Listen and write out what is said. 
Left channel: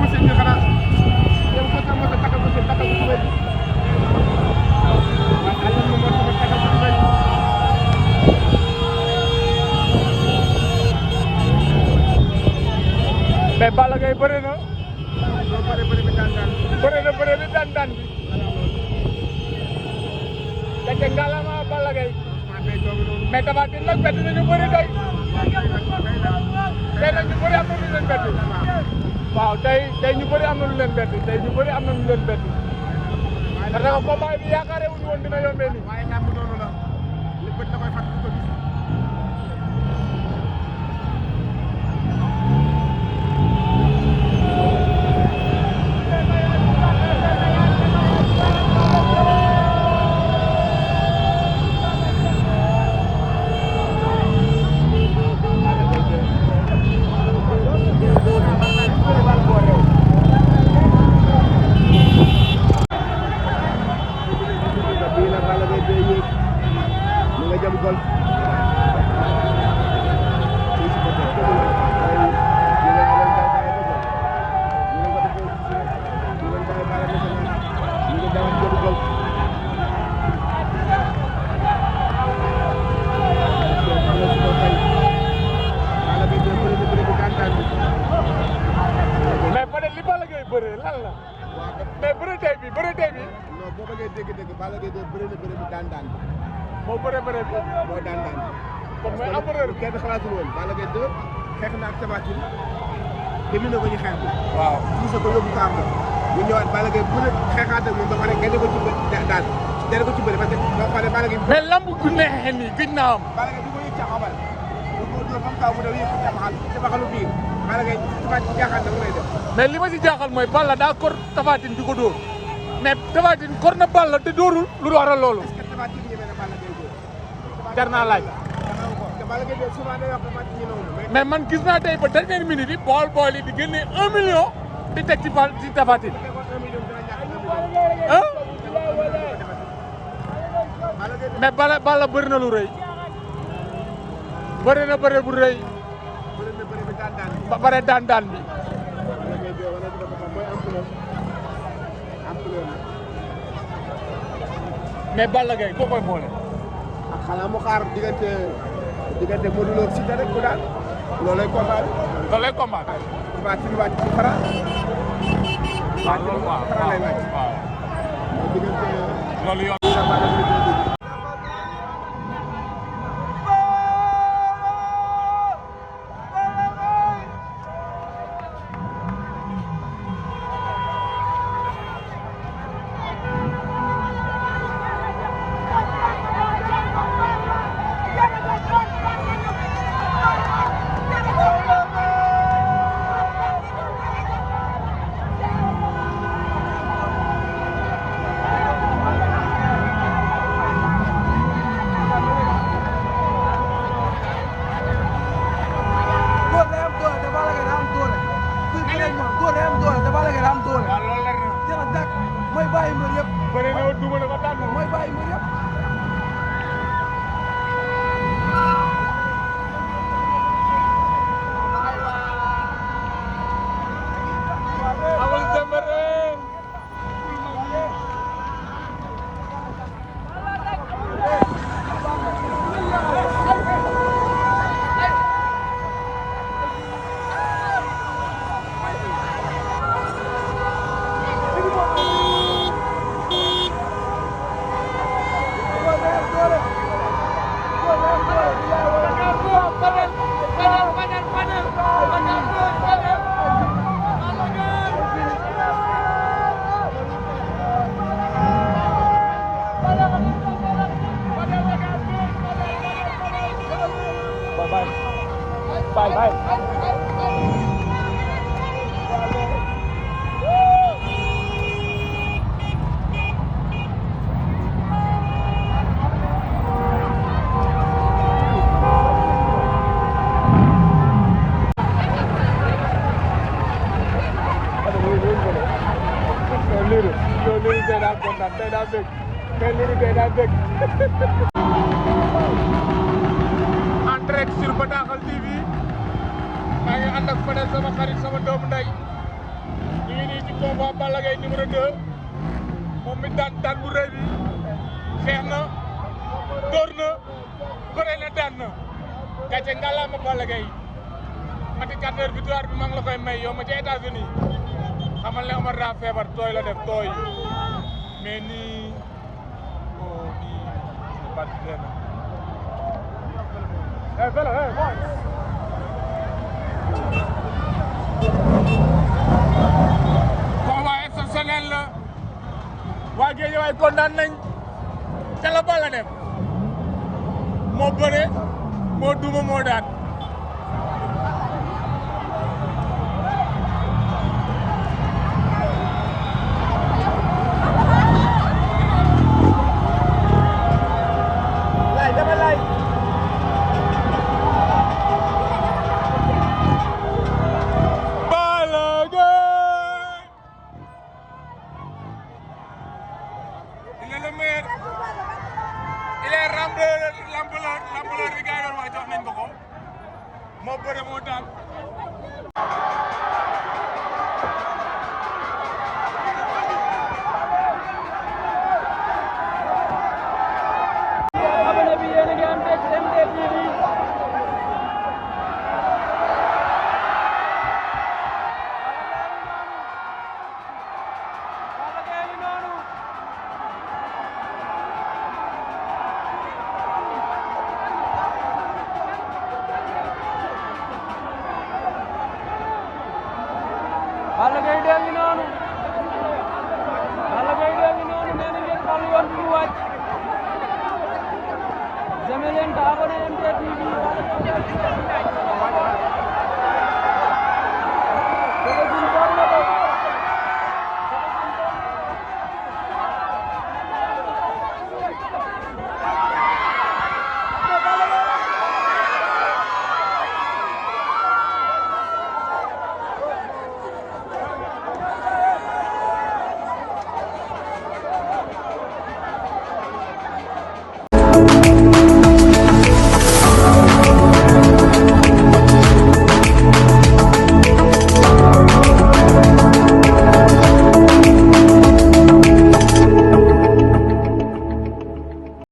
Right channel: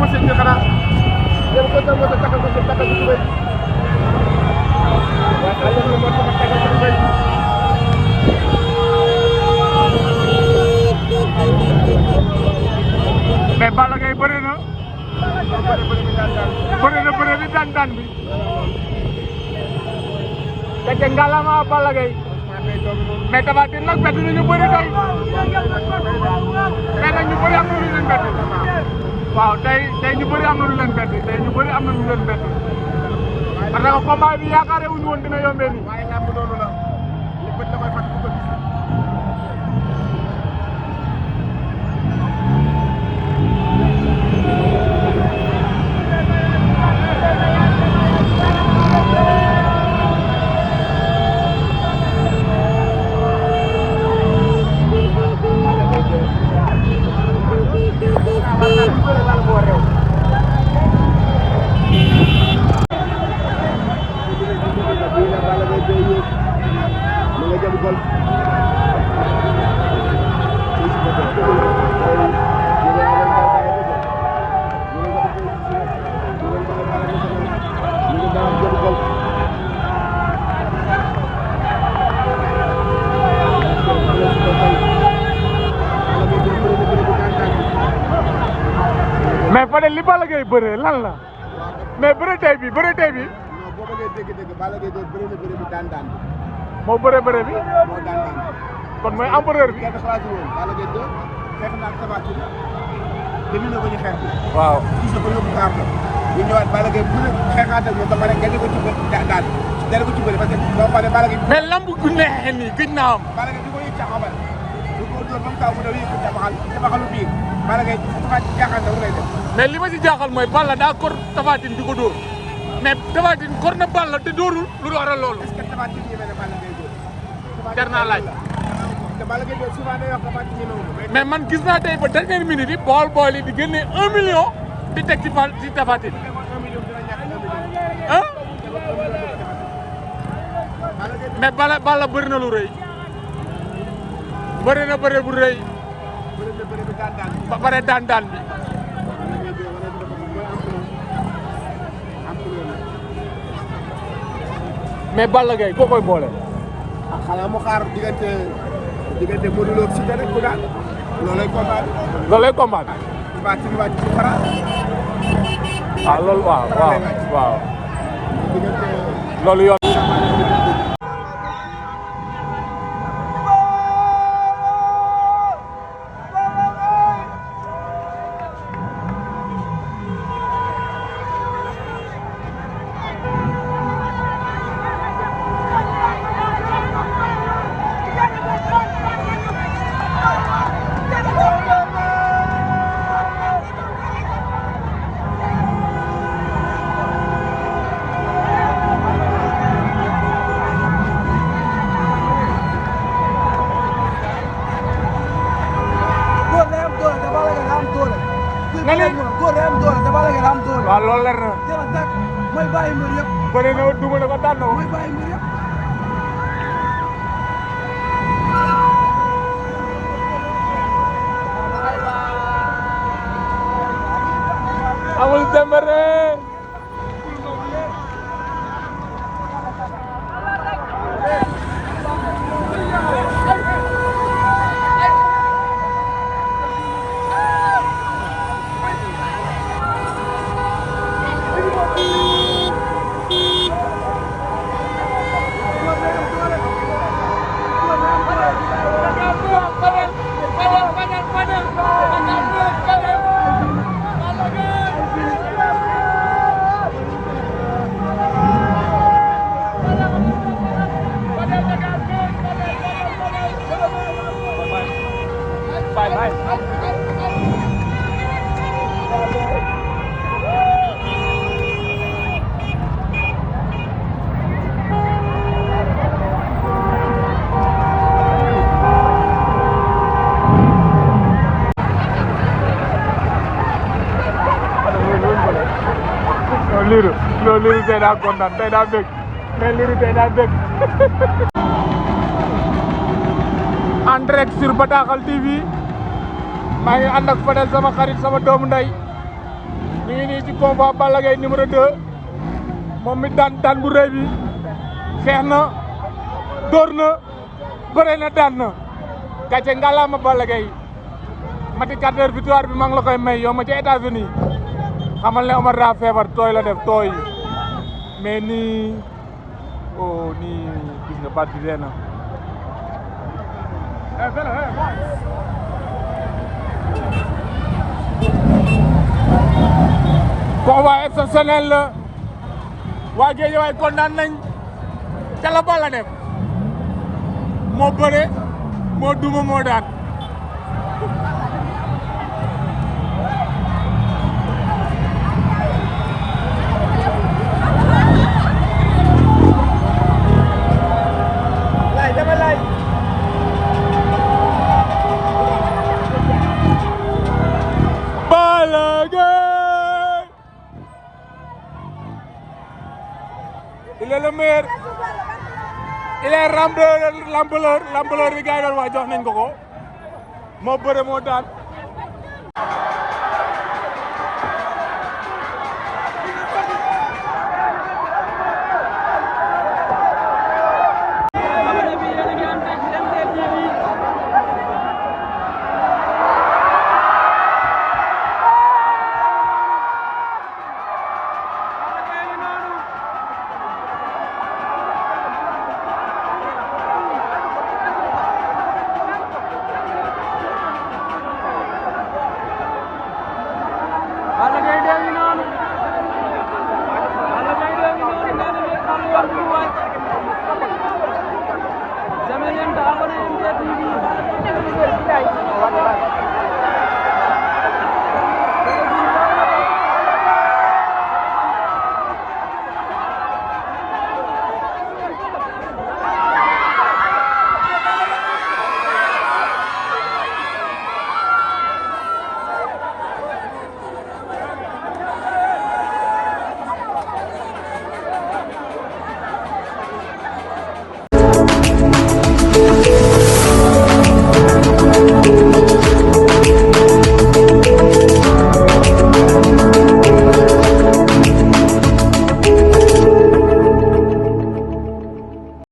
machine bi xanaa yow ko jël moto takkal ko takkal ko bay waaw ala mo moto takkal ko bay mais Balla Gaye bëre na bëre bi daan bi te ngalama Balla Gaye mais Tapha Tine nag bett nañu bëri tey nag ñu bëri am na lu leen bett waaw tey ñu bëri am na lu leen bett parce que combat bi yaakaare wuñu woon dina yombee nii waaye lamb noonu la li bët la koy fàtt ko gis mais fa de li Balla Gaye bëree lan la mais bëre tey bi non boo bëggee dégg Balla Gaye de bëre na bëre bi daan moo bëre bi moo daan kon mooy empereur bi kenn xalaatu woon Balla Gaye de xeex na ak Tapha Tine terminé ko ñu xeex bi waaw poussé ko yóbbu kaar la ñu ñëwaat Balla Gaye bëre xeexaat ak ñoom ba pare gañe ko ci daan dana ko ci bëri parce que boo xoolee Balla Gaye mais lamb gu neexee nii gëj naa am Balla Gaye di ko yëg caxabal du ko dóor bam taw mu daw yëg ko caxalu biir Balla Gaye Tapha Tine jaaxal na mu lay def mais li ma ci jaaxal mooy Balla daa kor Tapha Tine di ko dóor mais Tapha Tine kor na Balla te dóorul lu waral loolu est-ce que Tapha Tine ñeme na Balla Gaye dóor jar naa laaj te Balla Gaye dóor souvent day wax Tapha Tine ñeme mais man gis naa tey ba dernière minute yi bool yi di génne 1 million di teg ci Tapha Tine ah mais Balla bëri na lu rëy bëri na bëri bu rëy ba pare daan bi mais Balla Gaye koo koy boole xanaa mu xaar diggante Modou Lo Siteu rek bu daan loolay combat bi fara waaw loolu waaw loolu yoon waaw loolu leer na. jërëjëf nag mooy bàyyi mbir yëpp. bëri na duma na ko daan na mooy bàyyi mbir yëpp. amul demere. Bye. Liru tey daa kontaan tey daa bëgg mais Liru tey daa bëgg en direct sur Bataaxal TV maa ngi ànd ak Fadel sama xarit sama doomu ndey mi ngi nii ci combat Balla Gaye numéro 2 moom mi daan bu rëy bi xeex na dóor na bëre na daan na gàcce ngalaama Balla Gaye mati 4 heures victoire bi maa ngi la koy may yow ma ci États-Unis xamal ne Omar daa feebar tooy la def tooy mais nii oh nii gis nga baat bi dee na combat exceptionnel la waa Guédiawaye kontaan nañ ca la Balla def moo bëre moo duma moo daan il est le meilleur il est rambleur bi gars yi doon wax jox nañ ko moo bëre moo daan Balla Gaye